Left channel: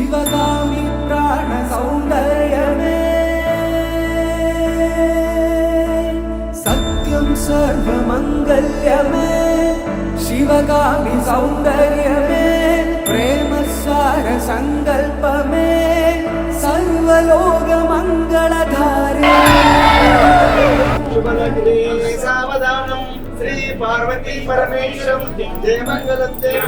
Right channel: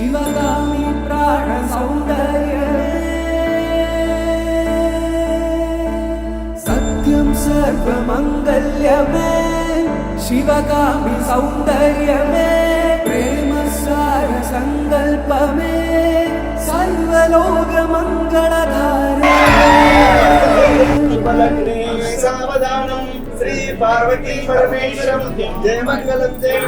शिवगामी प्राण सौंदर्यमे सत्यं सर्वमंगल्यमे शिवगामी सौंदर्यमे प्रेम सार संकल्पमे सर्वलोक मंगलधारे शुभलग्ने सावधानम् श्री पार्वती परमेश्वरं जय मंगलम जय